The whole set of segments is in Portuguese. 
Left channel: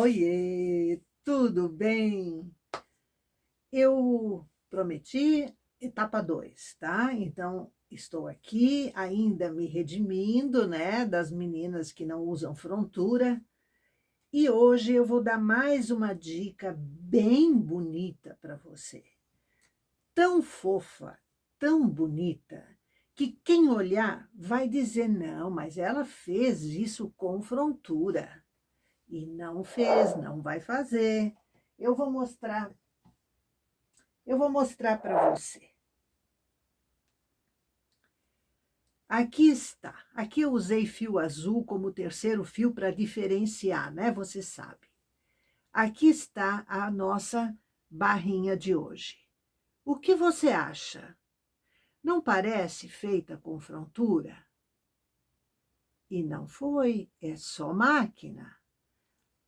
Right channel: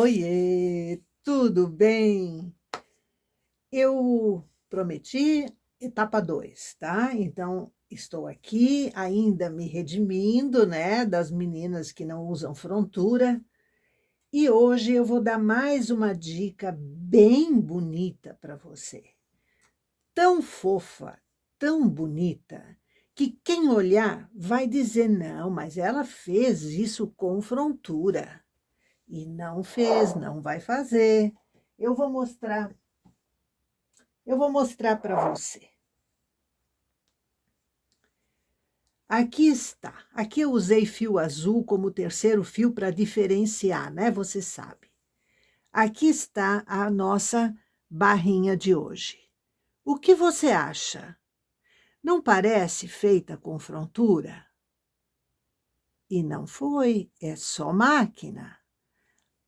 Oiê, tudo bem? Eu prometi etapa 2, tá? Então, estou aqui ainda me redimindo, né, das meninas que não usam frontura. E hoje eu vou dar mais uma dica bem bonita para você. Tão fofa, tão bonita, que quem olhar vai dizer: não, mas ela fez isso com frontura. E não fez, não vai fazer. Eu vou mostrar, eu vou mostrar para você. Aqui está. Aqui eu usei fio azul como terceiro fio para diferenciar, né? Você sabe. Aqui está a nossa barrinha de hoje. O que você acha? Não parece feita com frontura? E não foi, é só máquina.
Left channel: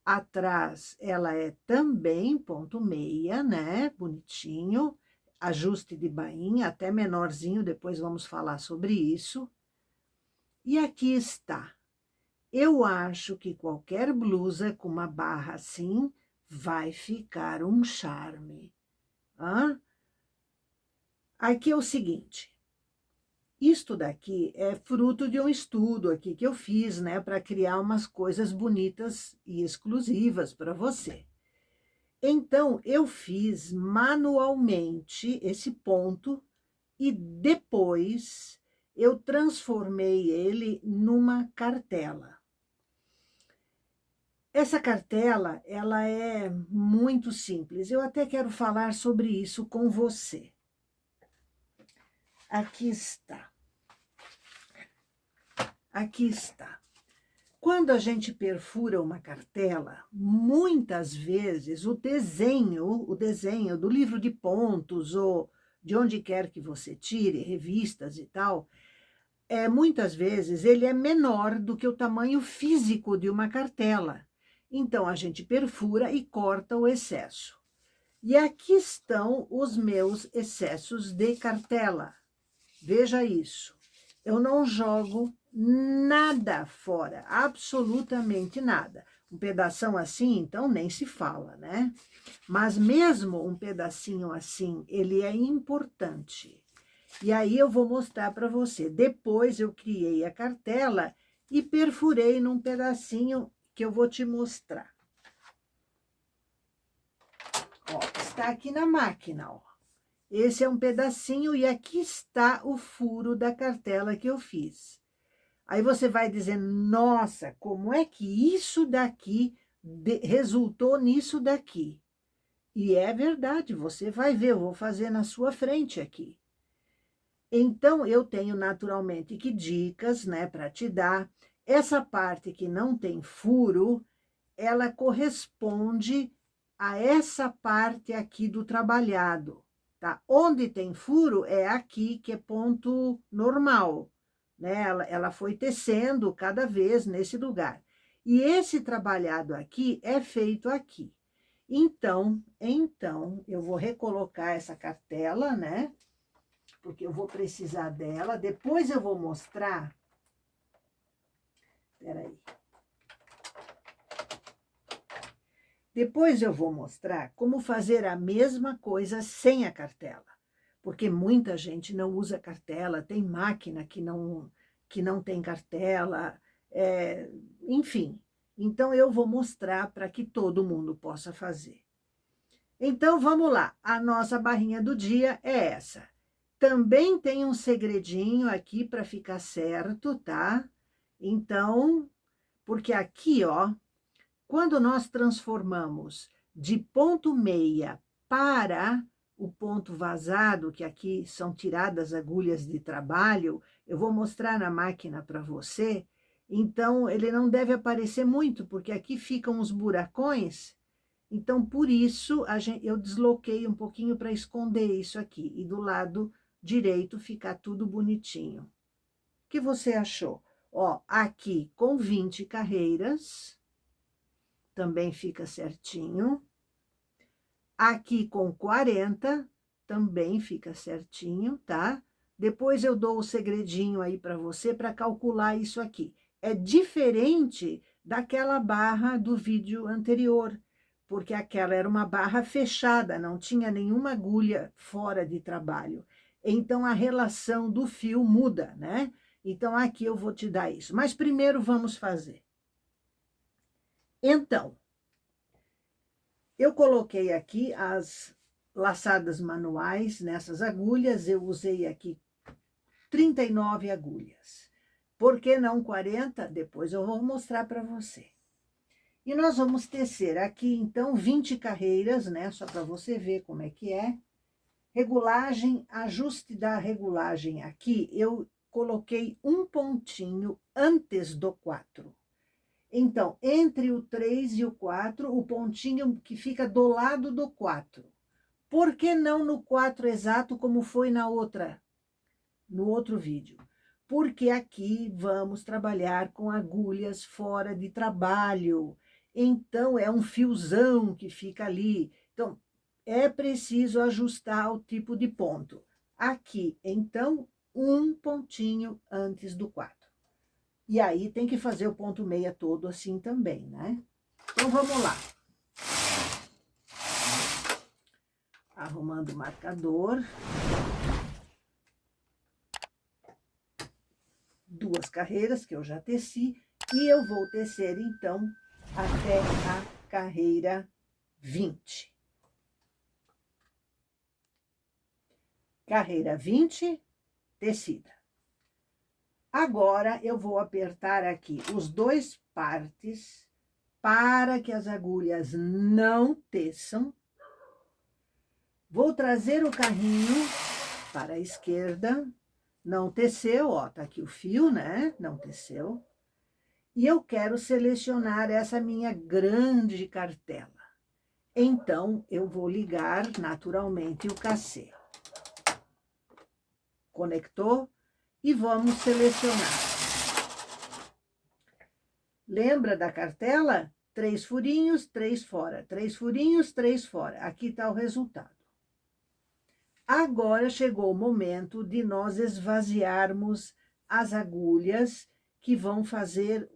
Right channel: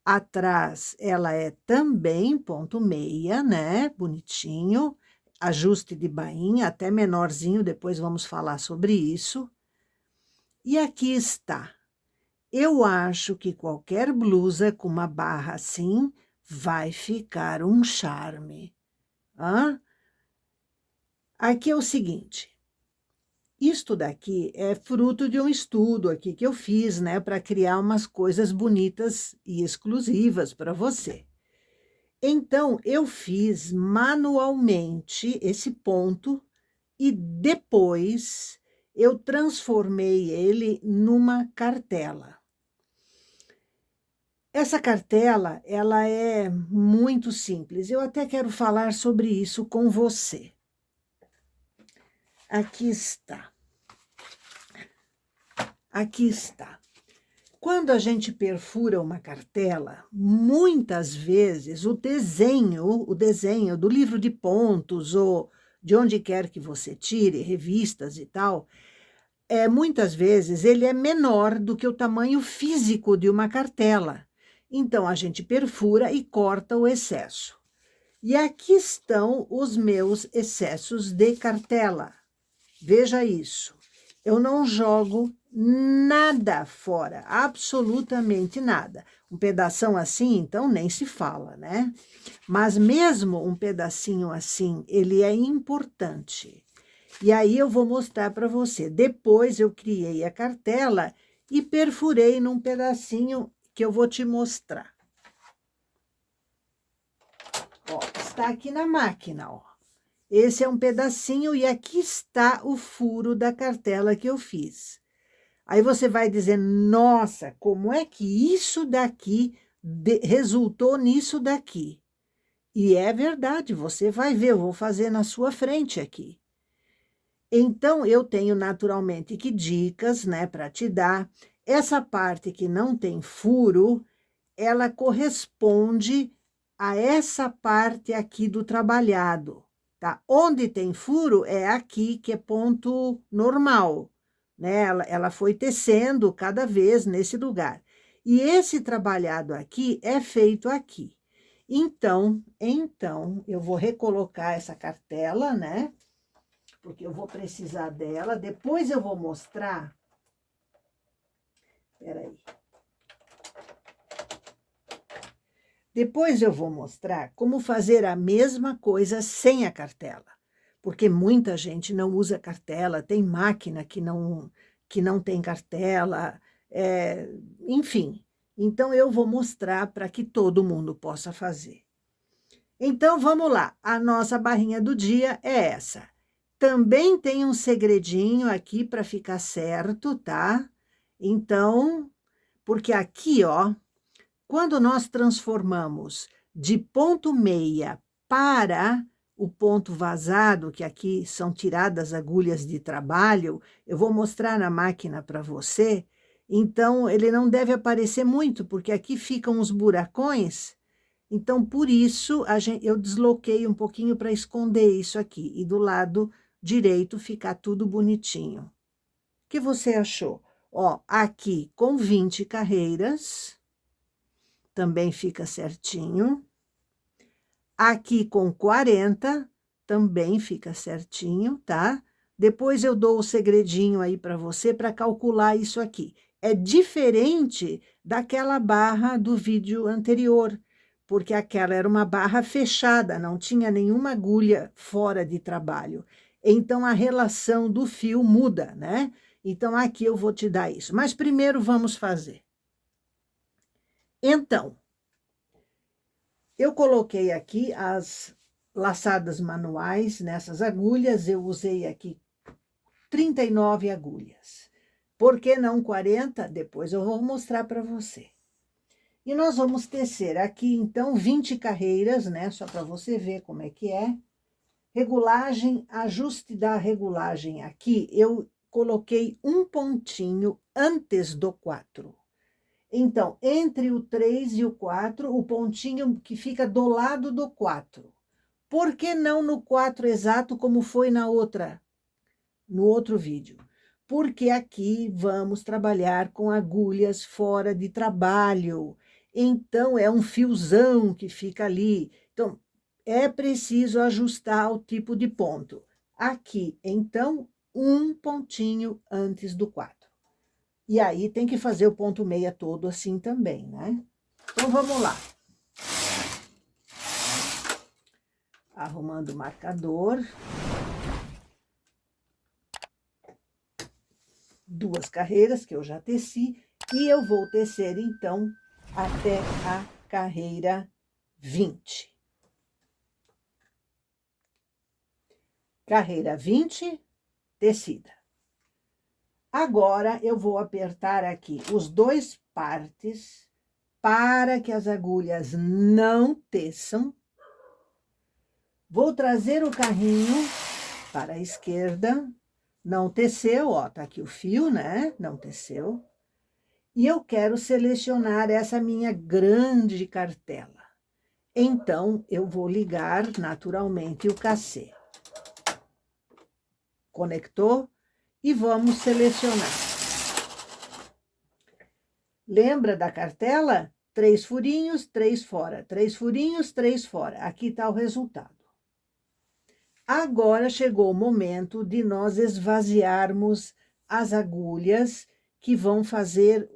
Atrás ela é também ponto meia, né? Bonitinho. Ajuste de bainha, até menorzinho, depois vamos falar sobre isso. E aqui está. Eu acho que qualquer blusa com uma barra assim vai ficar um charme. Hã? Aqui é o seguinte. Isto daqui é fruto de um estudo aqui que eu fiz, né, para criar umas coisas bonitas e exclusivas para você. Então, eu fiz manualmente esse ponto e depois eu transformei ele numa cartela. Essa cartela, ela é muito simples. Eu até quero falar sobre isso com você. Aqui está. Aqui está. Quando a gente perfura uma cartela, muitas vezes o desenho do livro de pontos ou de onde quer que você tire, revistas e tal, muitas vezes ele é menor do que o tamanho físico de uma cartela. Então, a gente perfura e corta o excesso. E aqui estão os meus excessos de cartela. Veja isso. Eu não jogo nada fora, absolutamente nada. Um pedação assim, então, nem se fala, né? Mas mesmo um pedacinho assim, ele é importante. E aí eu vou mostrar para você. Depois eu criei a cartela e perfurei num pedacinho que eu vou te mostrar. Ó, está aqui na máquina, ó. Esse é um pedacinho e aqui está o furo da cartela que eu fiz. Aí você vai dizer, nossa, como é que isso daqui resultou nisso daqui? E é verdade, você vai ver, eu vou fazer na sua frente aqui. Então, eu tenho naturalmente que dicas, né, para te dar. Essa parte que não tem furo, ela corresponde a essa parte aqui do trabalhado, tá? Onde tem furo é aqui, que é ponto normal, né? Ela foi tecendo cada vez nesse lugar. E esse trabalhado aqui é feito aqui. Então, eu vou recolocar essa cartela, né? Porque eu vou precisar dela. Depois eu vou mostrar. Peraí. Depois eu vou mostrar como fazer a mesma coisa sem a cartela. Porque muita gente não usa cartela, tem máquina que não tem cartela, enfim. Então, eu vou mostrar para que todo mundo possa fazer. Então, vamos lá. A nossa barrinha do dia é essa. Também tem um segredinho aqui para ficar certo, tá? Então, porque aqui, ó, quando nós transformamos de ponto meia para o ponto vazado, que aqui são tiradas agulhas de trabalho, eu vou mostrar na máquina para você, então ele não deve aparecer muito, porque aqui ficam os buracões, então por isso eu desloquei um pouquinho para esconder isso aqui, e do lado direito ficar tudo bonitinho. O que você achou? Ó, aqui com 20 carreiras, também fica certinho. Aqui com 40, também fica certinho, tá? Depois eu dou o segredinho aí para você para calcular isso aqui. é diferente daquela barra do vídeo anterior, porque aquela era uma barra fechada, não tinha nenhuma agulha fora de trabalho. Então, a relação do fio muda, né? Então, aqui eu vou te dar isso. Mas primeiro vamos fazer. Então, eu coloquei aqui as laçadas manuais nessas agulhas, eu usei aqui 39 agulhas. Por que não 40? Depois eu vou mostrar para você. E nós vamos tecer aqui, então, 20 carreiras, né? Só para você ver como é que é. Regulagem, ajuste da regulagem aqui, eu coloquei um pontinho antes do 4. Então, entre o 3 e o 4, o pontinho que fica do lado do 4. Por que não no 4 exato, como foi no outro vídeo? Porque aqui vamos trabalhar com agulhas fora de trabalho. Então, é um fiozão que fica ali. Então, é preciso ajustar o tipo de ponto. Aqui, então, um pontinho antes do 4. E aí, tem que fazer o ponto meia todo assim também, né? Então, vamos lá. Arrumando o marcador. 2 carreiras que eu já teci. E eu vou tecer, então, até a carreira 20. Carreira 20, tecida. Agora, eu vou apertar aqui os 2 partes para que as agulhas não teçam. Vou trazer o carrinho para a esquerda. Não teceu, ó, tá aqui o fio, né? Não teceu. E eu quero selecionar essa minha grande cartela. Então, eu vou ligar naturalmente o cachê. Conectou? E vamos selecionar. Lembra da cartela? 3 furinhos, 3 fora. 3 furinhos, 3 fora. Aqui está o resultado. Agora chegou o momento de nós esvaziarmos as agulhas que vão fazer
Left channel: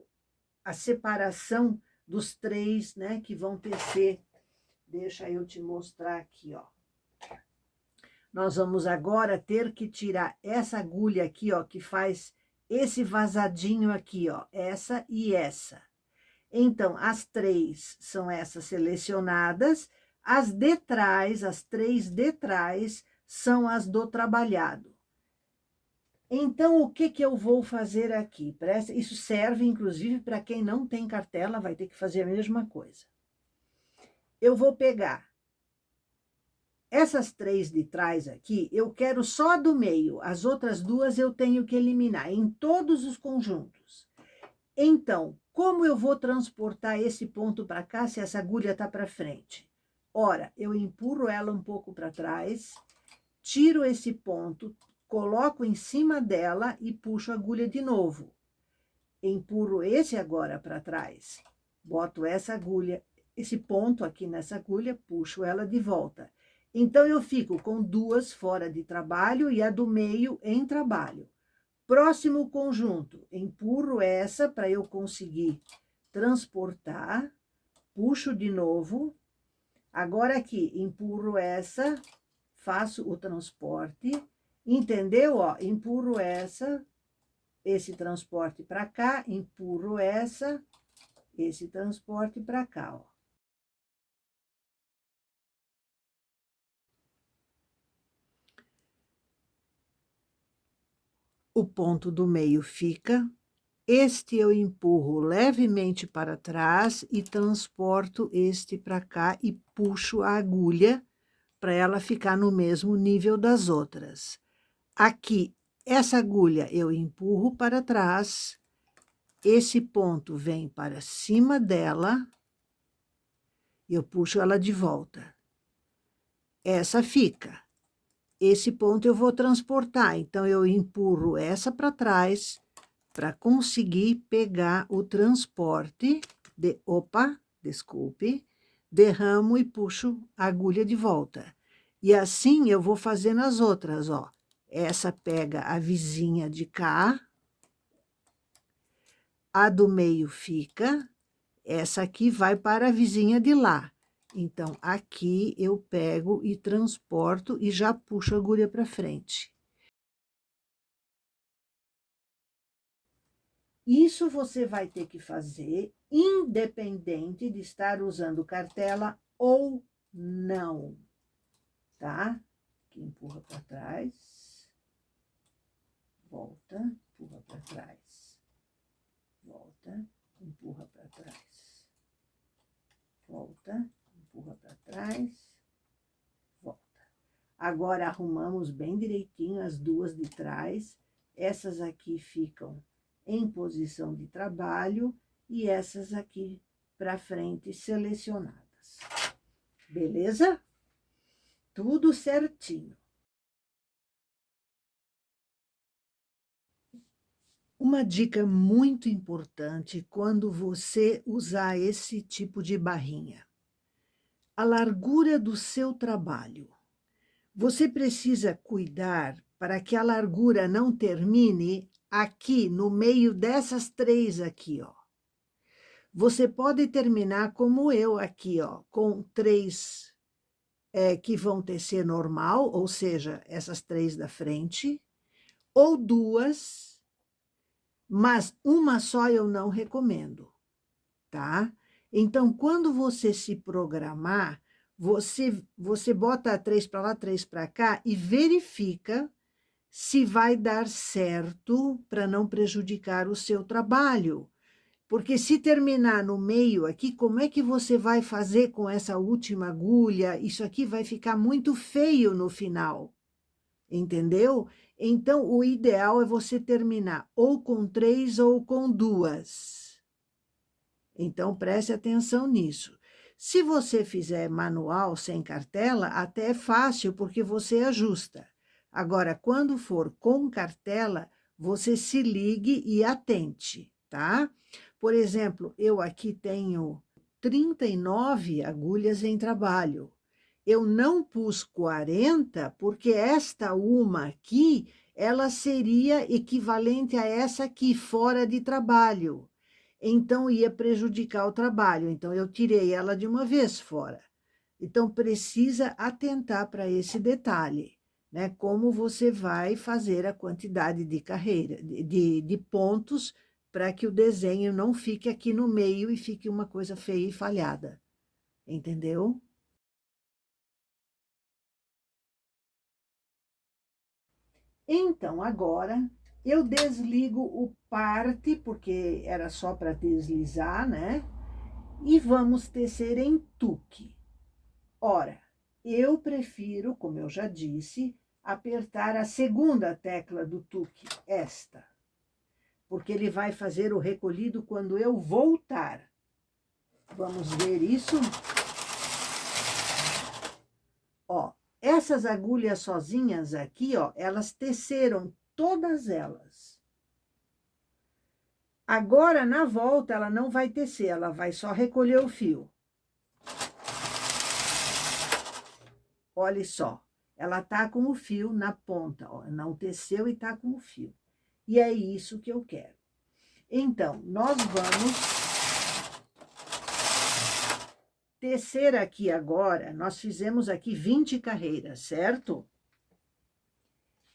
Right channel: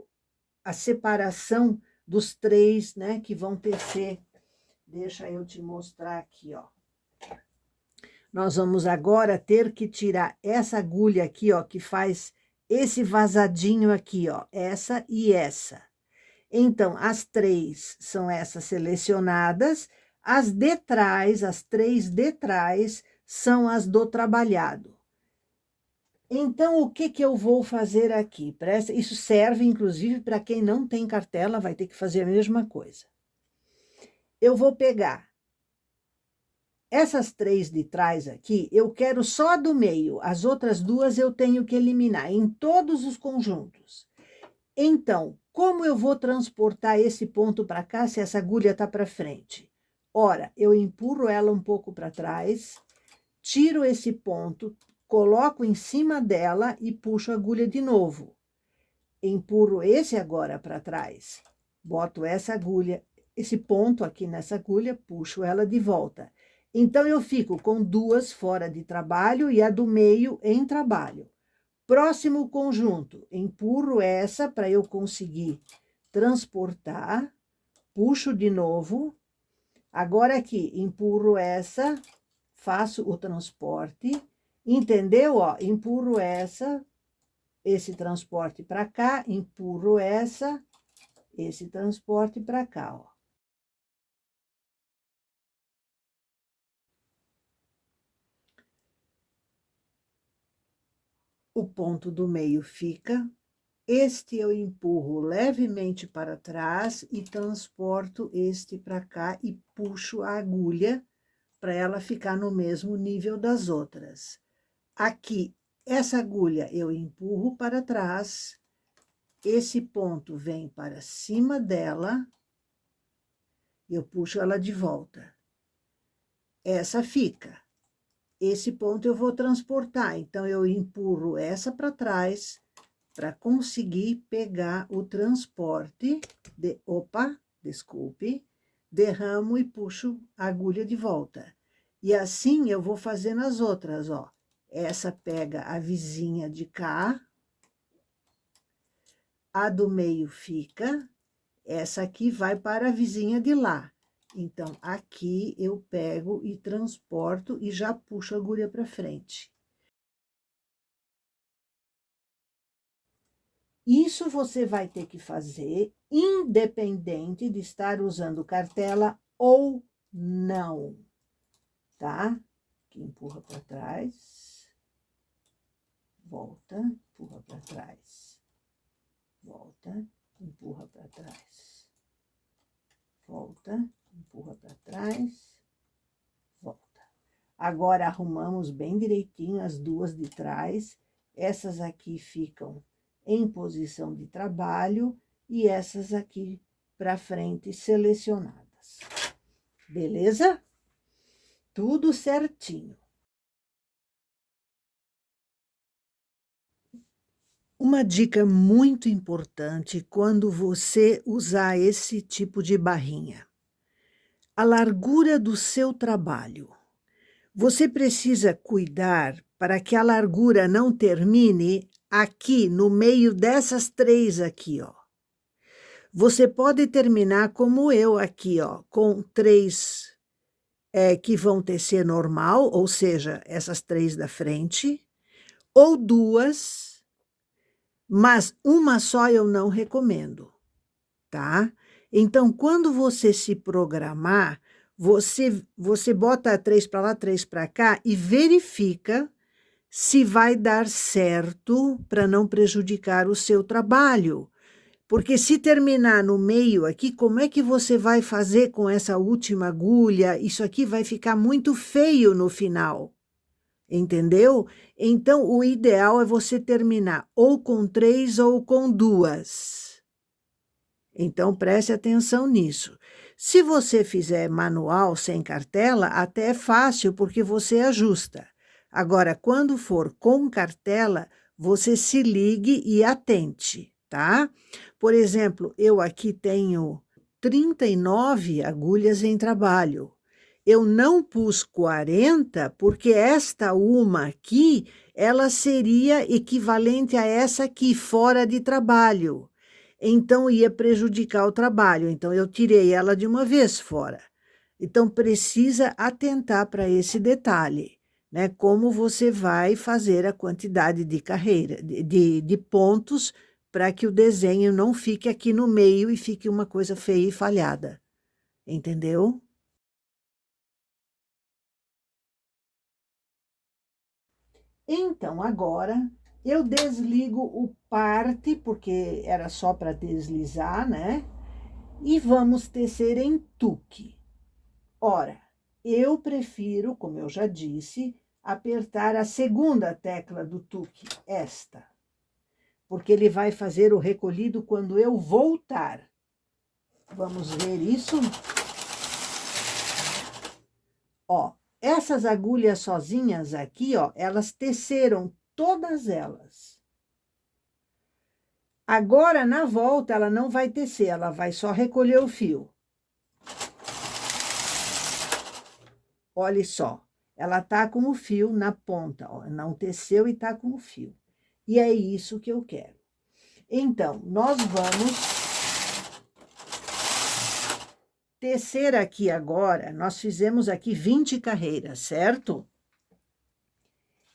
a separação dos 3, né, que vão tecer. Deixa eu te mostrar aqui, ó. Nós vamos agora ter que tirar essa agulha aqui, ó, que faz esse vazadinho aqui, ó, essa e essa. Então, as 3 são essas selecionadas, as de trás, as 3 de trás, são as do trabalhado. Então, o que eu vou fazer aqui? Isso serve, inclusive, para quem não tem cartela, vai ter que fazer a mesma coisa. Eu vou pegar essas 3 de trás aqui, eu quero só do meio, as outras 2 eu tenho que eliminar em todos os conjuntos. Então, como eu vou transportar esse ponto para cá se essa agulha está para frente? Ora, eu empurro ela um pouco para trás, tiro esse ponto, coloco em cima dela e puxo a agulha de novo. Empurro esse agora para trás, boto essa agulha, esse ponto aqui nessa agulha, puxo ela de volta. Então, eu fico com 2 fora de trabalho e a do meio em trabalho. Próximo conjunto, empurro essa para eu conseguir transportar, puxo de novo. Agora aqui, empurro essa, faço o transporte, entendeu? Ó, empurro esse transporte para cá, empurro esse transporte para cá, ó. O ponto do meio fica. Este eu empurro levemente para trás e transporto este para cá e puxo a agulha para ela ficar no mesmo nível das outras. Aqui, essa agulha eu empurro para trás, esse ponto vem para cima dela, eu puxo ela de volta. Essa fica. Esse ponto eu vou transportar, então eu empurro essa para trás, para conseguir pegar o transporte desculpe, derramo e puxo a agulha de volta. E assim eu vou fazer nas outras, ó. Essa pega a vizinha de cá, a do meio fica, essa aqui vai para a vizinha de lá. Então, aqui eu pego e transporto e já puxo a agulha para frente. Isso você vai ter que fazer independente de estar usando cartela ou não, tá? Aqui empurra para trás, volta, empurra para trás, volta, empurra para trás, volta, empurra para trás, volta. Agora, arrumamos bem direitinho as duas de trás. Essas aqui ficam em posição de trabalho e essas aqui para frente selecionadas. Beleza? Tudo certinho. Uma dica muito importante quando você usar esse tipo de barrinha. A largura do seu trabalho. Você precisa cuidar para que a largura não termine aqui, no meio dessas três aqui, ó. Você pode terminar como eu aqui, ó, com três que vão tecer normal, ou seja, essas três da frente, ou duas, mas uma só eu não recomendo, tá? Então, quando você se programar, você bota três para lá, três para cá e verifica se vai dar certo para não prejudicar o seu trabalho. Porque se terminar no meio aqui, como é que você vai fazer com essa última agulha? Isso aqui vai ficar muito feio no final, entendeu? Então, o ideal é você terminar ou com três ou com duas. Então, preste atenção nisso. Se você fizer manual sem cartela, até é fácil, porque você ajusta. Agora, quando for com cartela, você se ligue e atente, tá? Por exemplo, eu aqui tenho 39 agulhas em trabalho. Eu não pus 40, porque esta uma aqui, ela seria equivalente a essa aqui, fora de trabalho. Então, ia prejudicar o trabalho. Então, eu tirei ela de uma vez fora. Então, precisa atentar para esse detalhe, né? Como você vai fazer a quantidade de carreira, de pontos, para que o desenho não fique aqui no meio e fique uma coisa feia e falhada. Entendeu? Então, agora, eu desligo o parte, porque era só para deslizar, né? E vamos tecer em tuque. Ora, eu prefiro, como eu já disse, apertar a segunda tecla do tuque, esta, porque ele vai fazer o recolhido quando eu voltar. Vamos ver isso? Ó, essas agulhas sozinhas aqui, ó, elas teceram todas elas. Agora, na volta, ela não vai tecer, ela vai só recolher o fio. Olha só, ela tá com o fio na ponta, ó, não teceu e tá com o fio. E é isso que eu quero. Então, nós vamos tecer aqui agora, nós fizemos aqui 20 carreiras, certo?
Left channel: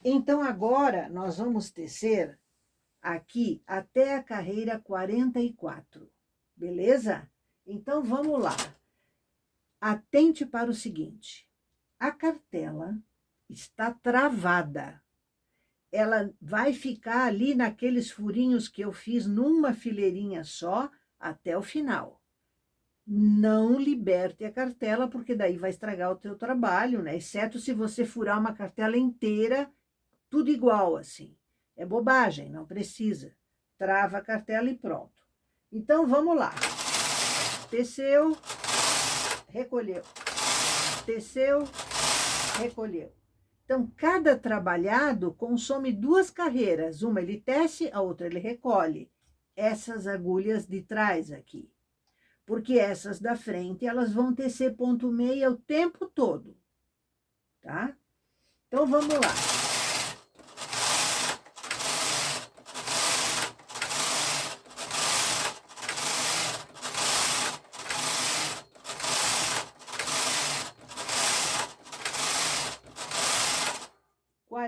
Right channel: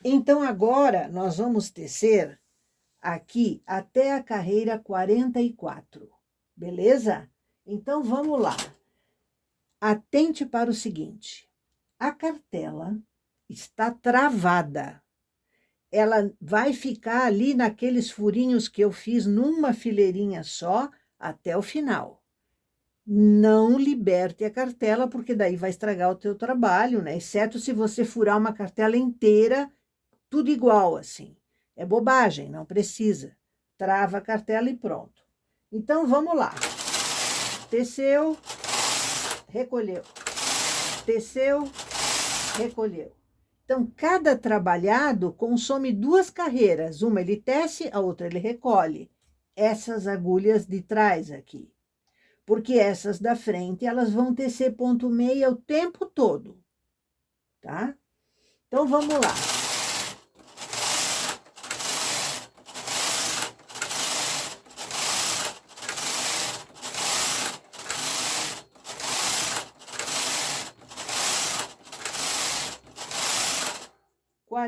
Então, agora, nós vamos tecer aqui até a carreira 44, beleza? Então, vamos lá. Atente para o seguinte, a cartela está travada. Ela vai ficar ali naqueles furinhos que eu fiz numa fileirinha só até o final. Não liberte a cartela, porque daí vai estragar o teu trabalho, né? Exceto se você furar uma cartela inteira, tudo igual assim. É bobagem, não precisa. Trava a cartela e pronto. Então, vamos lá. Teceu, recolheu. Teceu, recolheu. Então, cada trabalhado consome duas carreiras. Uma ele tece, a outra ele recolhe. Essas agulhas de trás aqui. Porque essas da frente, elas vão tecer ponto meia o tempo todo. Tá? Então, vamos lá.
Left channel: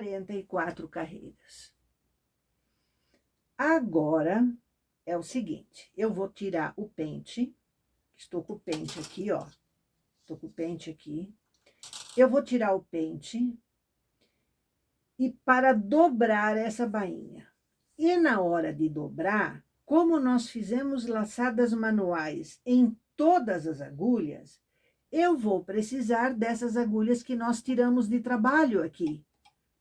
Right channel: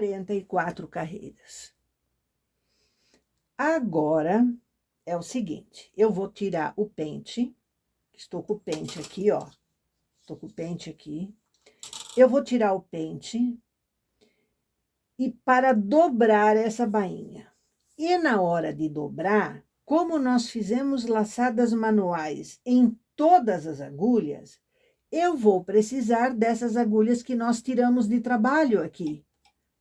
44 carreiras. Agora, é o seguinte, eu vou tirar o pente, estou com o pente aqui, ó. Estou com o pente aqui. Eu vou tirar o pente e para dobrar essa bainha. E na hora de dobrar, como nós fizemos laçadas manuais em todas as agulhas, eu vou precisar dessas agulhas que nós tiramos de trabalho aqui.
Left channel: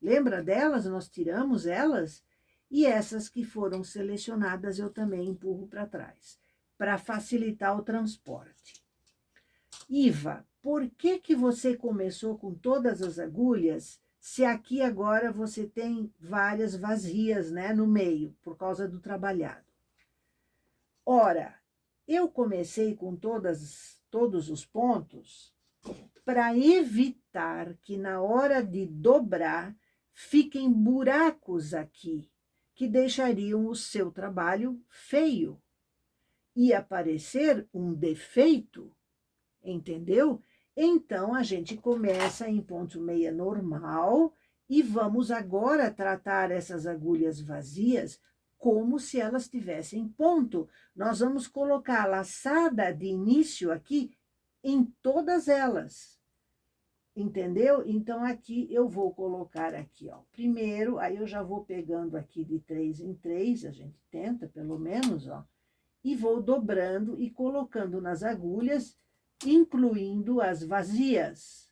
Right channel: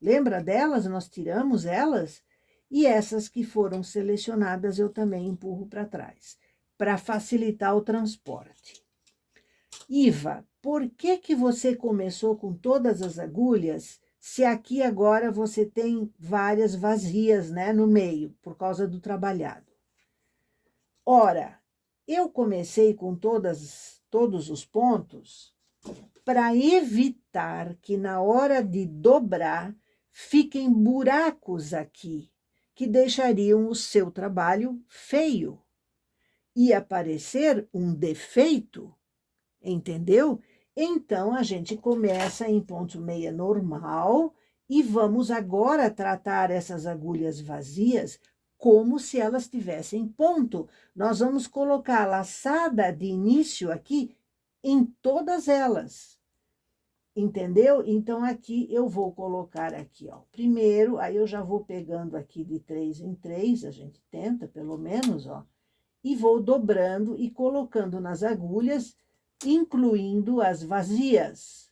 Lembra delas? Nós tiramos elas e essas que foram selecionadas eu também empurro para trás, para facilitar o transporte. Iva, por que que você começou com todas as agulhas, se aqui agora você tem várias vazias, né, no meio, por causa do trabalhado? Ora, eu comecei com todos os pontos para evitar que na hora de dobrar fiquem buracos aqui, que deixariam o seu trabalho feio. Ia aparecer um defeito, entendeu? Então, a gente começa em ponto meia normal e vamos agora tratar essas agulhas vazias como se elas tivessem ponto. Nós vamos colocar a laçada de início aqui em todas elas. Entendeu? Então, aqui eu vou colocar aqui, ó, primeiro, aí eu já vou pegando aqui de 3 em 3, a gente tenta pelo menos, ó, e vou dobrando e colocando nas agulhas, incluindo as vazias,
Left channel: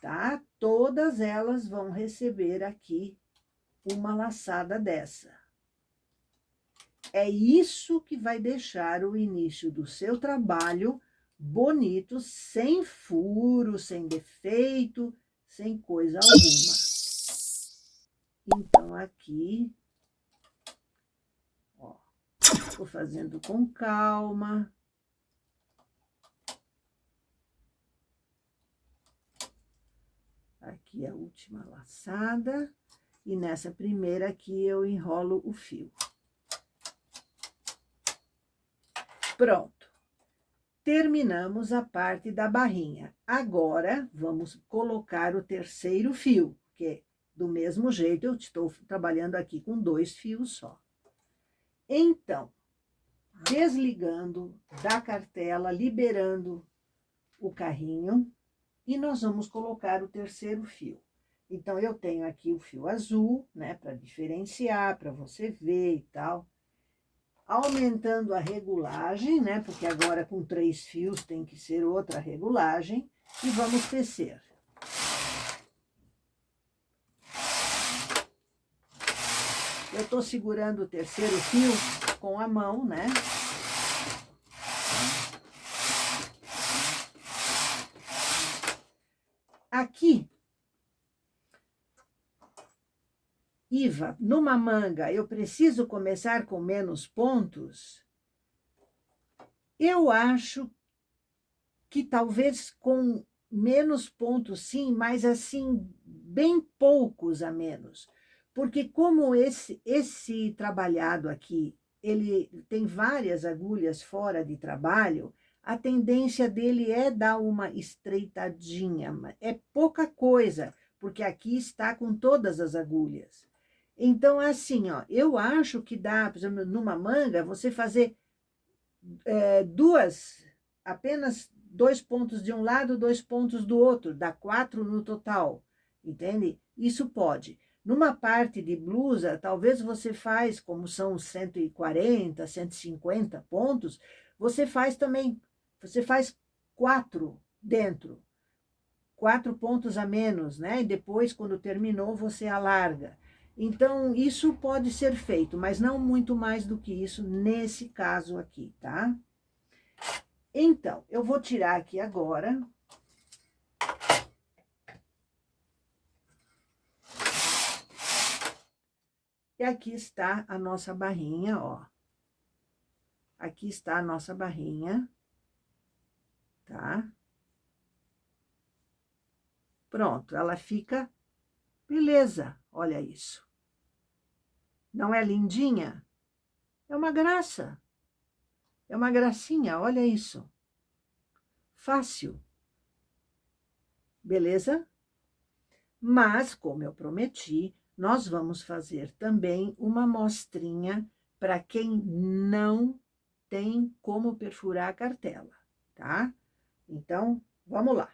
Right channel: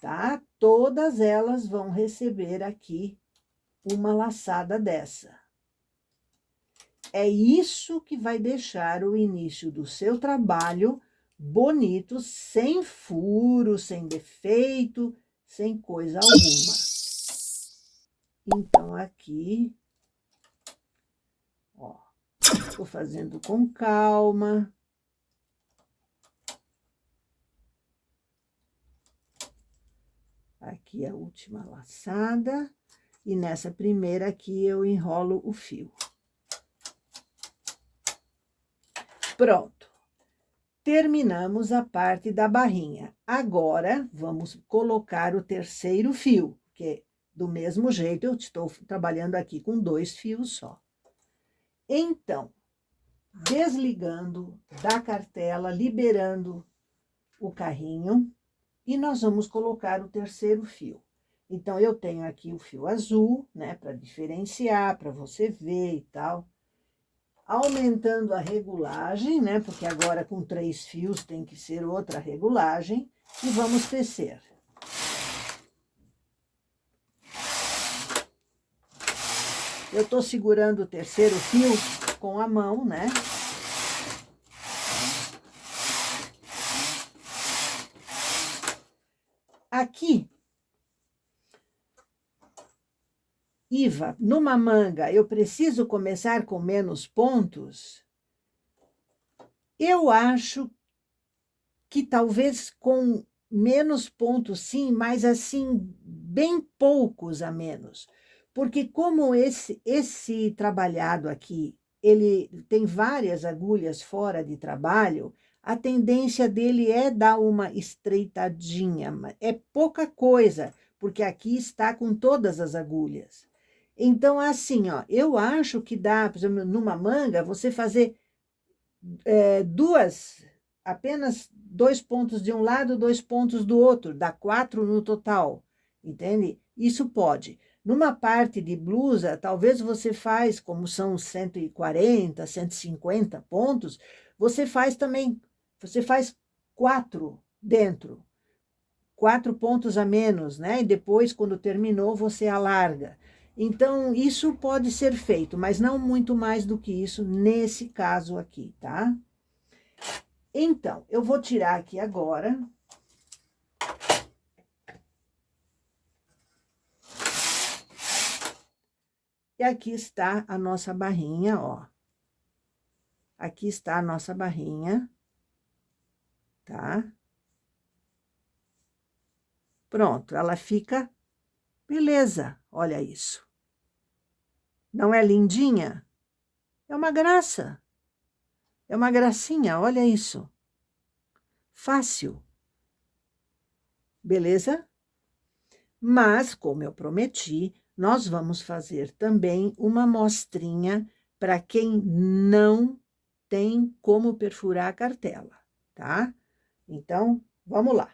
tá? Todas elas vão receber aqui uma laçada dessa. É isso que vai deixar o início do seu trabalho bonito, sem furo, sem defeito, sem coisa alguma. Então, aqui, ó, tô fazendo com calma. Aqui a última laçada. E nessa primeira aqui eu enrolo o fio. Pronto. Terminamos a parte da barrinha. Agora, vamos colocar o terceiro fio, porque do mesmo jeito eu estou trabalhando aqui com 2 fios só. Então, desligando da cartela, liberando o carrinho, e nós vamos colocar o terceiro fio. Então, eu tenho aqui o fio azul, né, para diferenciar, para você ver e tal. Aumentando a regulagem, né, porque agora com 3 fios tem que ser outra regulagem, e vamos tecer. Eu tô segurando o terceiro fio com a mão, né? Aqui, Iva, numa manga, eu preciso começar com menos pontos? Eu acho que talvez com menos pontos, sim, mas assim, bem poucos a menos. Porque como esse trabalhado aqui, ele tem várias agulhas fora de trabalho, a tendência dele é dar uma estreitadinha, é pouca coisa, porque aqui está com todas as agulhas. Então, assim, ó, eu acho que dá, por exemplo, numa manga, você fazer apenas 2 pontos de um lado, 2 pontos do outro, dá 4 no total, entende? Isso pode. Numa parte de blusa, talvez você faz, como são 140, 150 pontos, você faz também, você faz 4 dentro, 4 pontos a menos, né? E depois, quando terminou, você alarga. Então, isso pode ser feito, mas não muito mais do que isso nesse caso aqui, tá? Então, eu vou tirar aqui agora. E aqui está a nossa barrinha, ó. Aqui está a nossa barrinha, tá? Pronto, ela fica beleza, olha isso. Não é lindinha? É uma graça. É uma gracinha, olha isso. Fácil. Beleza? Mas, como eu prometi, nós vamos fazer também uma mostrinha para quem não tem como perfurar a cartela, tá? Então, vamos lá.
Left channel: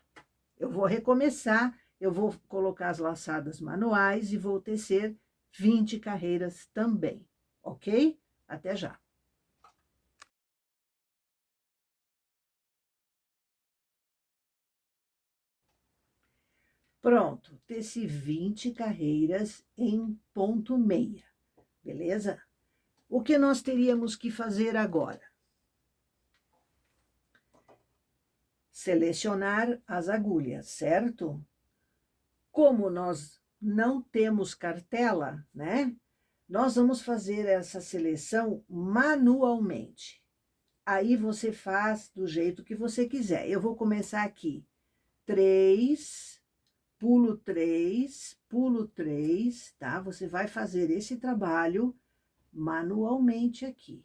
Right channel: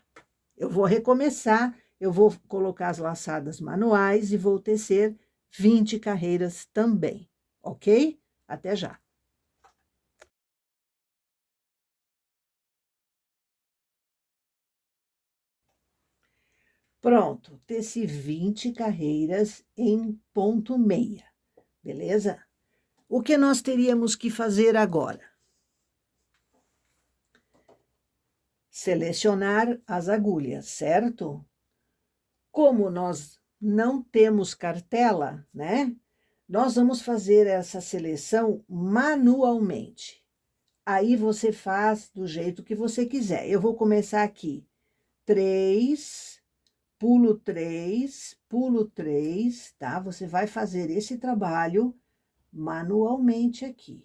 Eu vou recomeçar, eu vou colocar as laçadas manuais e vou tecer 20 carreiras também, ok? Até já. Pronto, teci 20 carreiras em ponto meia, beleza? O que nós teríamos que fazer agora? Selecionar as agulhas, certo? Como nós não temos cartela, né? Nós vamos fazer essa seleção manualmente. Aí você faz do jeito que você quiser. Eu vou começar aqui. 3, pulo 3, tá? Você vai fazer esse trabalho manualmente aqui.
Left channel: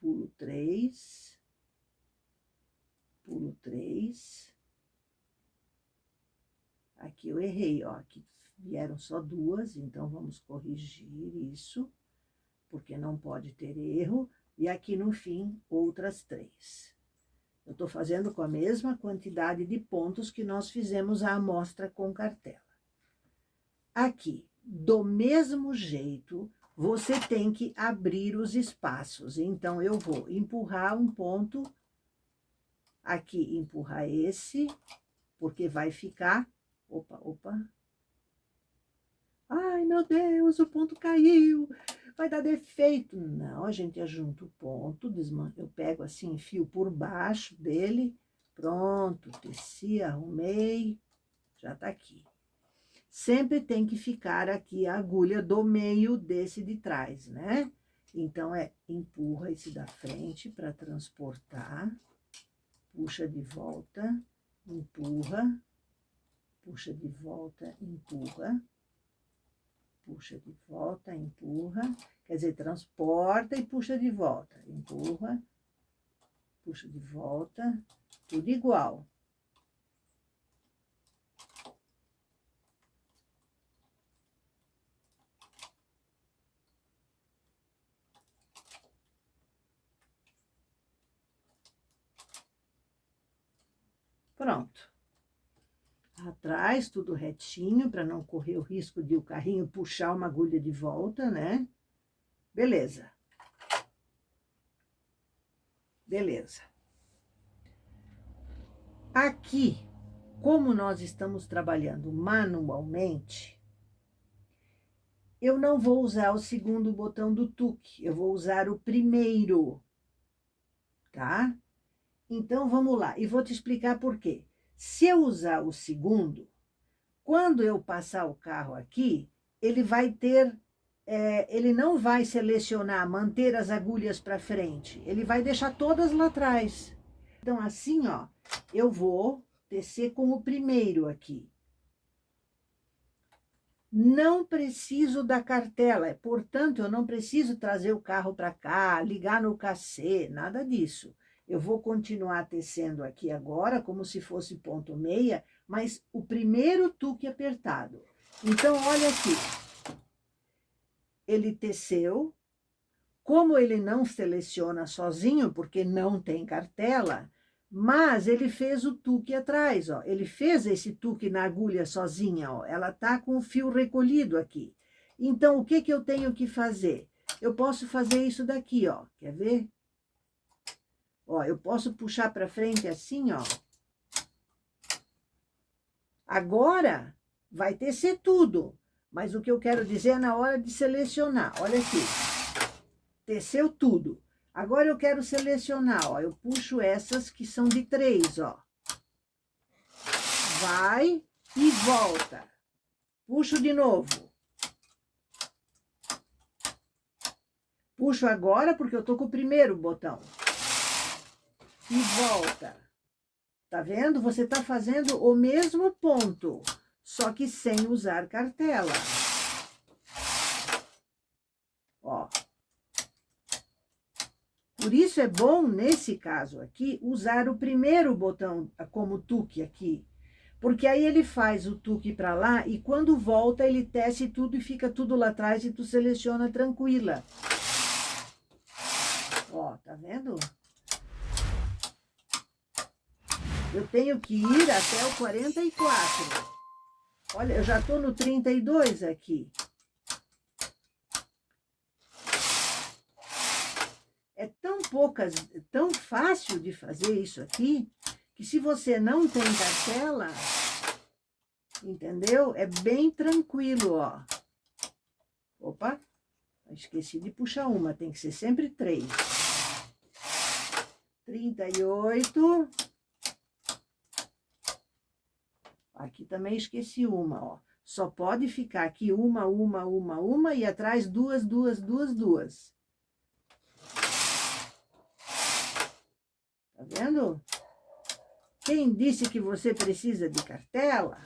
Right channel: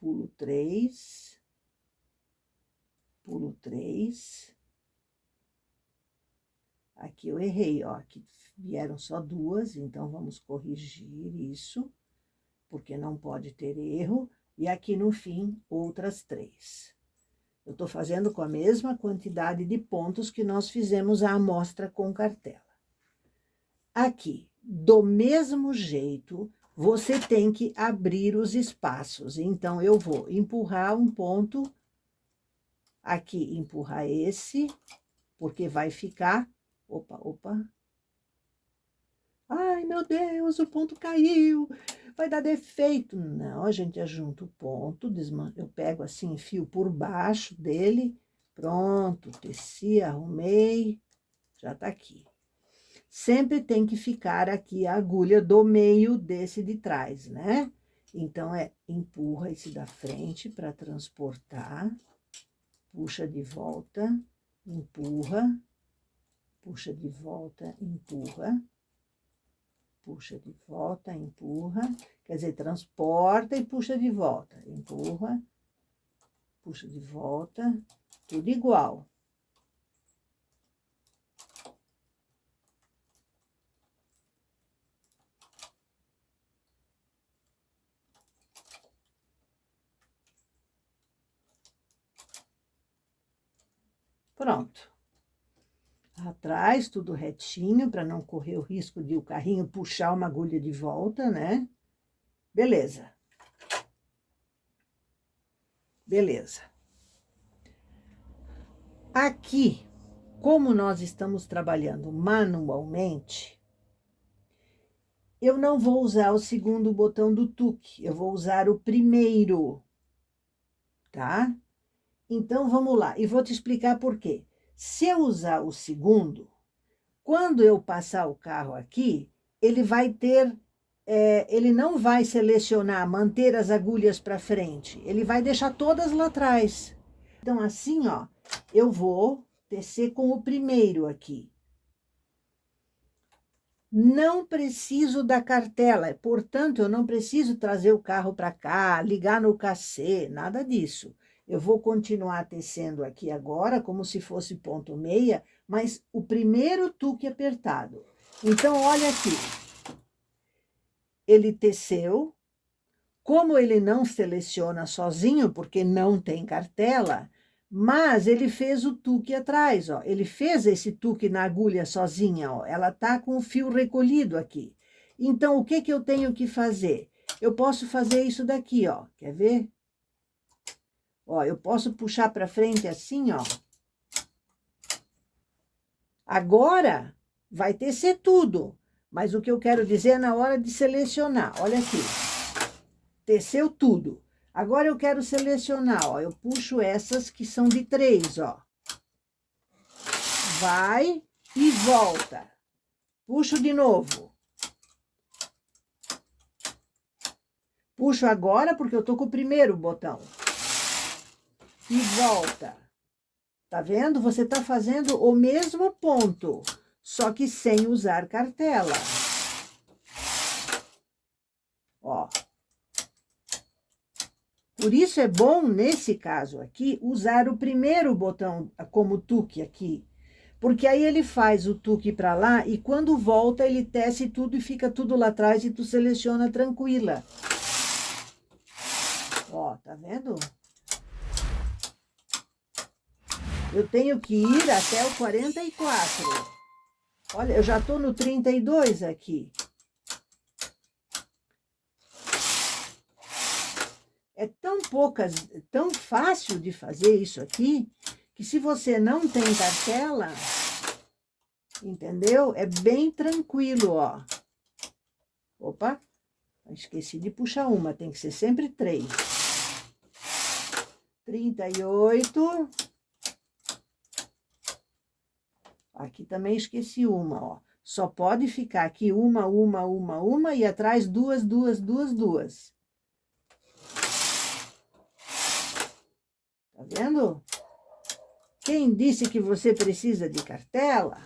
Pulo 3, pulo 3. Aqui eu errei, ó, aqui vieram só 2, então vamos corrigir isso, porque não pode ter erro. E aqui no fim, outras 3. Eu estou fazendo com a mesma quantidade de pontos que nós fizemos a amostra com cartela. Aqui, do mesmo jeito, você tem que abrir os espaços. Então, eu vou empurrar um ponto, aqui empurrar esse, porque vai ficar... Opa. Ai, meu Deus, o ponto caiu, vai dar defeito. Não, a gente ajunta o ponto, eu pego assim, fio por baixo dele, pronto, teci, arrumei, já tá aqui. Sempre tem que ficar aqui a agulha do meio desse de trás, né? Então, empurra esse da frente para transportar, puxa de volta, empurra, puxa de volta, empurra, puxa de volta, empurra, quer dizer, transporta e puxa de volta, empurra, puxa de volta, tudo igual. Pronto. Atrás, tudo retinho, para não correr o risco de o carrinho puxar uma agulha de volta, né? Beleza. Beleza. Aqui, como nós estamos trabalhando manualmente, eu não vou usar o segundo botão do tuque, eu vou usar o primeiro, tá? Então, vamos lá, e vou te explicar por quê. Se eu usar o segundo, quando eu passar o carro aqui, ele vai ter, ele não vai selecionar, manter as agulhas para frente, ele vai deixar todas lá atrás. Então, assim, ó, eu vou tecer com o primeiro aqui. Não preciso da cartela, portanto, eu não preciso trazer o carro para cá, ligar no cacê, nada disso. Eu vou continuar tecendo aqui agora, como se fosse ponto meia, mas o primeiro tuque apertado. Então, olha aqui. Ele teceu. Como ele não seleciona sozinho, porque não tem cartela, mas ele fez o tuque atrás, ó. Ele fez esse tuque na agulha sozinha, ó. Ela tá com o fio recolhido aqui. Então, o que que eu tenho que fazer? Eu posso fazer isso daqui, ó. Quer ver? Ó, eu posso puxar para frente assim, ó. Agora, vai tecer tudo. Mas o que eu quero dizer é na hora de selecionar. Olha aqui. Teceu tudo. Agora eu quero selecionar, ó. Eu puxo essas que são de 3, ó. Vai e volta. Puxo de novo. Puxo agora porque eu tô com o primeiro botão. E volta. Tá vendo? Você tá fazendo o mesmo ponto, só que sem usar cartela. Ó. Por isso é bom, nesse caso aqui, usar o primeiro botão como tuque aqui. Porque aí ele faz o tuque para lá e quando volta ele tece tudo e fica tudo lá atrás e tu seleciona tranquila. Ó, tá vendo? Eu tenho que ir até o 44. Olha, eu já tô no 32 aqui. É tão fácil de fazer isso aqui, que se você não tem cartela, entendeu? É bem tranquilo, ó. Opa, esqueci de puxar uma, tem que ser sempre 3. 38. Aqui também esqueci uma, ó. Só pode ficar aqui uma e atrás duas. Tá vendo? Quem disse que você precisa de cartela?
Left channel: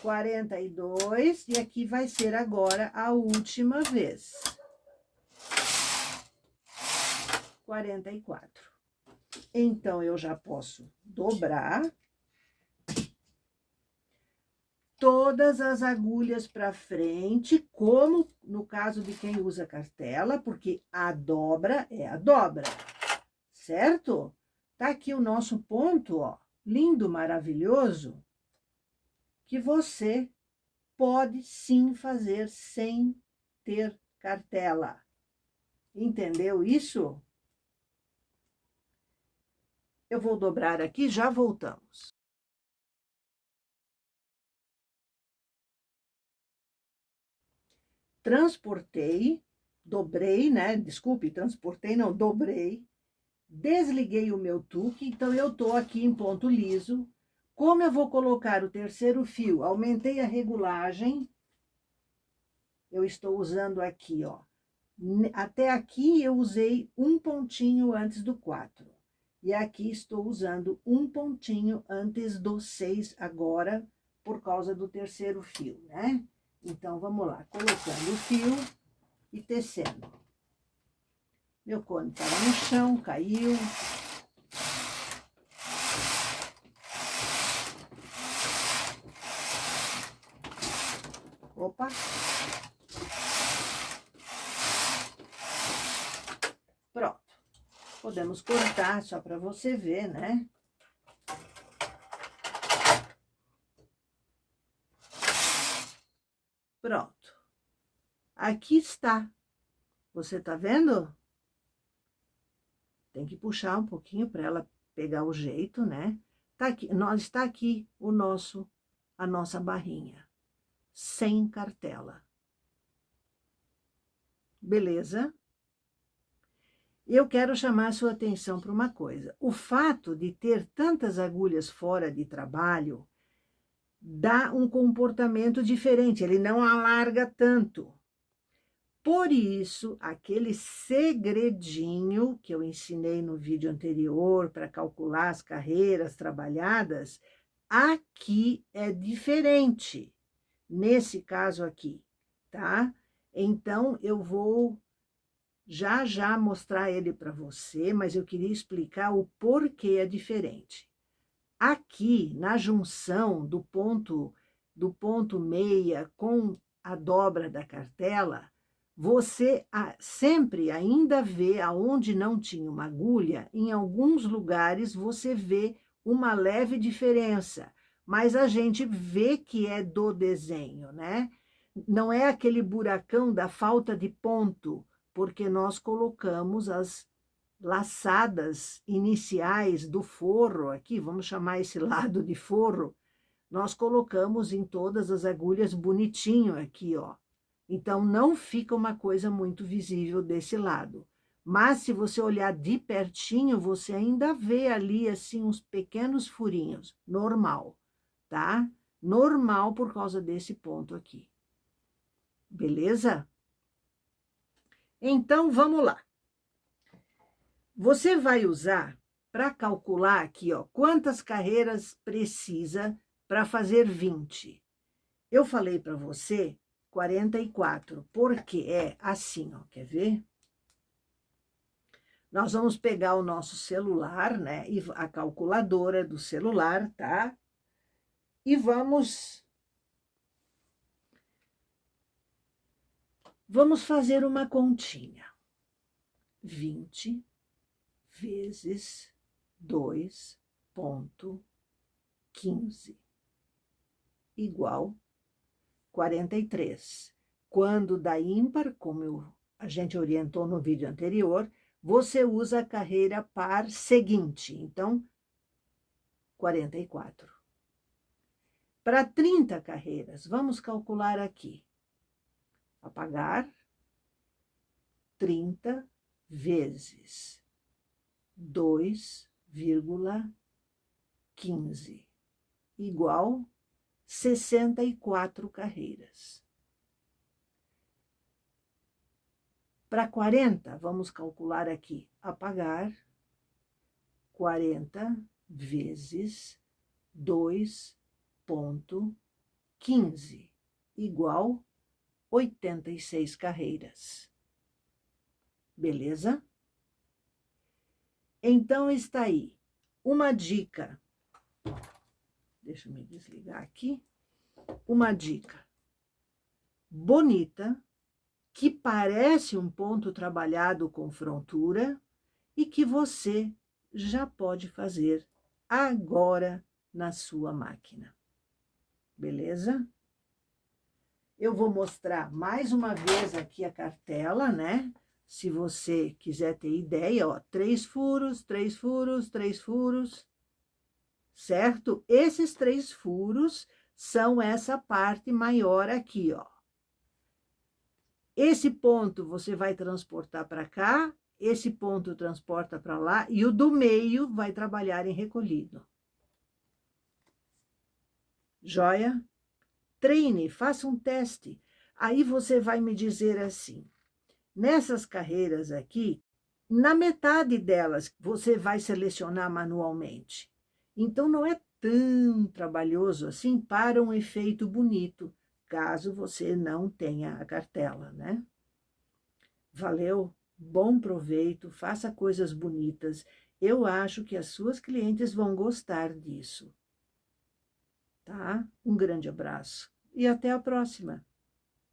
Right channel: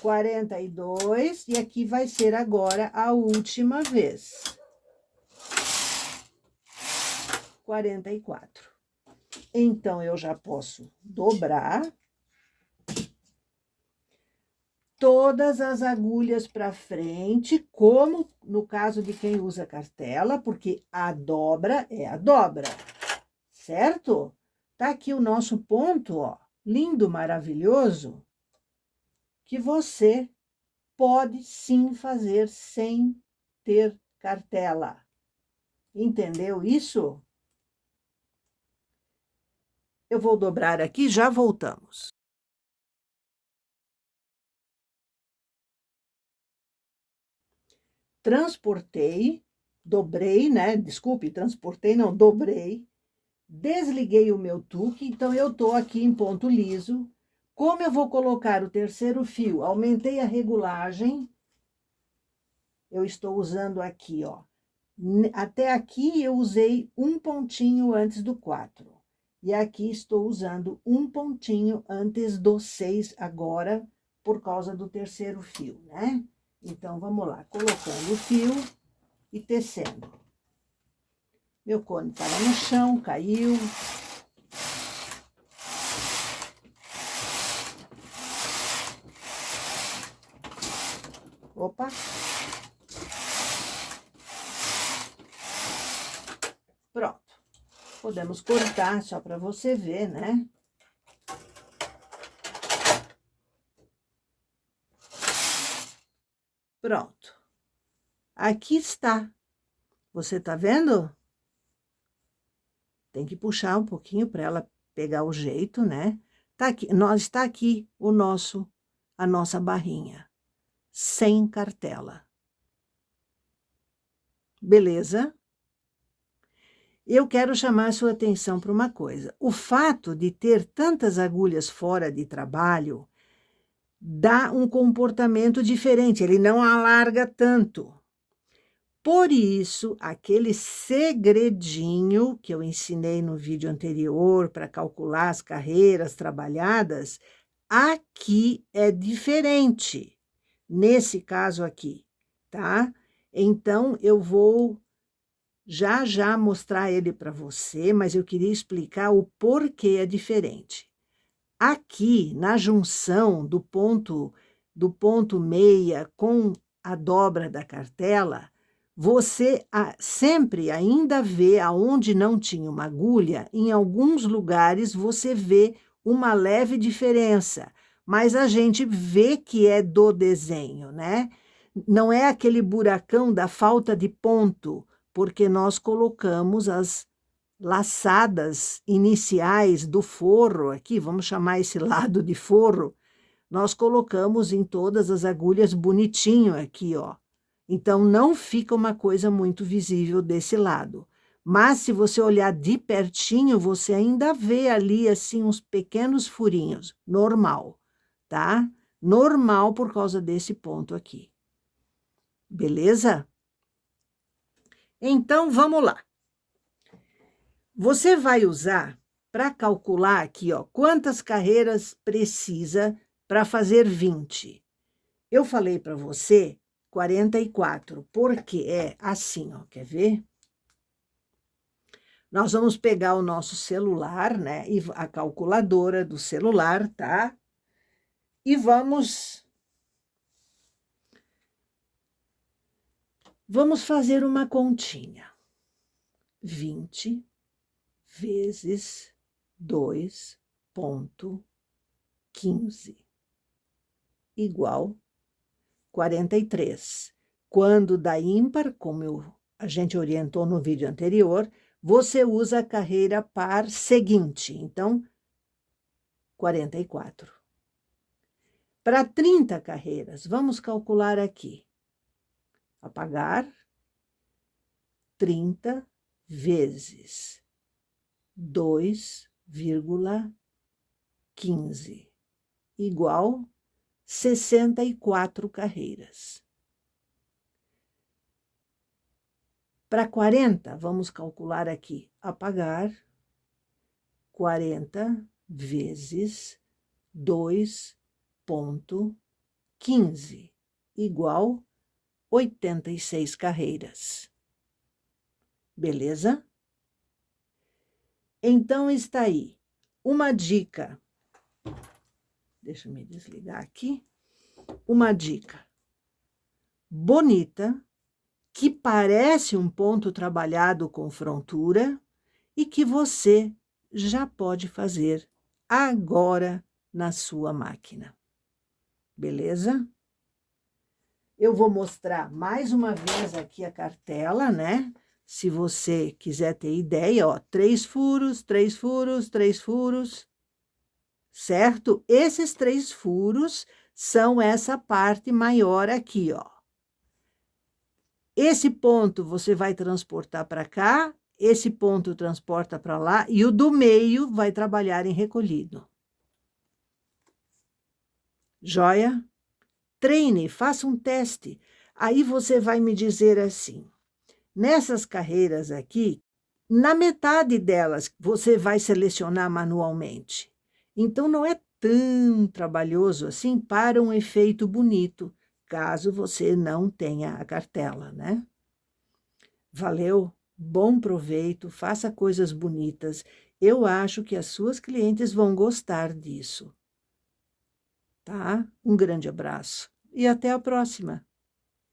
42, e aqui vai ser agora a última vez. 44. Então, eu já posso dobrar todas as agulhas para frente, como no caso de quem usa cartela, porque a dobra é a dobra, certo? Tá aqui o nosso ponto, ó, lindo, maravilhoso, que você pode sim fazer sem ter cartela. Entendeu isso? Eu vou dobrar aqui, já voltamos. Transportei, dobrei, né? Desculpe, transportei, não, dobrei. Desliguei o meu tuque, então eu tô aqui em ponto liso. Como eu vou colocar o terceiro fio? Aumentei a regulagem. Eu estou usando aqui, ó. Até aqui eu usei um pontinho antes do 4. E aqui estou usando um pontinho antes do 6 agora, por causa do terceiro fio, né? Então, vamos lá, colocando o fio e tecendo. Meu cone estava no chão, caiu. Opa! Pronto. Podemos cortar só para você ver, né? Pronto. Aqui está. Você tá vendo? Tem que puxar um pouquinho para ela pegar o jeito, né? Tá aqui, está aqui a nossa barrinha, sem cartela. Beleza? Eu quero chamar a sua atenção para uma coisa. O fato de ter tantas agulhas fora de trabalho dá um comportamento diferente, ele não alarga tanto. Por isso, aquele segredinho que eu ensinei no vídeo anterior para calcular as carreiras trabalhadas, aqui é diferente, nesse caso aqui, tá? Então, eu vou já mostrar ele para você, mas eu queria explicar o porquê é diferente. Aqui, na junção do ponto meia com a dobra da cartela, você sempre ainda vê aonde não tinha uma agulha, em alguns lugares você vê uma leve diferença, mas a gente vê que é do desenho, né? Não é aquele buracão da falta de ponto, porque nós colocamos as laçadas iniciais do forro, aqui, vamos chamar esse lado de forro, nós colocamos em todas as agulhas bonitinho aqui, ó. Então, não fica uma coisa muito visível desse lado. Mas, se você olhar de pertinho, você ainda vê ali, assim, uns pequenos furinhos. Normal, tá? Normal por causa desse ponto aqui. Beleza? Então, vamos lá. Você vai usar para calcular aqui, ó, quantas carreiras precisa para fazer 20. Eu falei para você 44, porque é assim, ó, quer ver? Nós vamos pegar o nosso celular, né, e a calculadora do celular, tá? E vamos fazer uma continha. 20 vezes 2,15 igual 43. Quando dá ímpar, como a gente orientou no vídeo anterior, você usa a carreira par seguinte. Então, 44. Para 30 carreiras, vamos calcular aqui. Apagar 30 vezes 2,15 igual 64 carreiras. Para 40, vamos calcular aqui. Apagar 40 vezes 2,15 igual 86 carreiras. Beleza? Então, está aí uma dica. Deixa eu me desligar aqui. Uma dica bonita, que parece um ponto trabalhado com frontura e que você já pode fazer agora na sua máquina. Beleza? Eu vou mostrar mais uma vez aqui a cartela, né? Se você quiser ter ideia, ó, 3 furos, 3 furos, 3 furos, certo? Esses 3 furos são essa parte maior aqui, ó. Esse ponto você vai transportar para cá, esse ponto transporta para lá, e o do meio vai trabalhar em recolhido. Joia? Treine, faça um teste. Aí você vai me dizer assim, nessas carreiras aqui, na metade delas você vai selecionar manualmente. Então, não é tão trabalhoso assim para um efeito bonito, caso você não tenha a cartela, né? Valeu, bom proveito, faça coisas bonitas. Eu acho que as suas clientes vão gostar disso. Tá? Um grande abraço e até a próxima.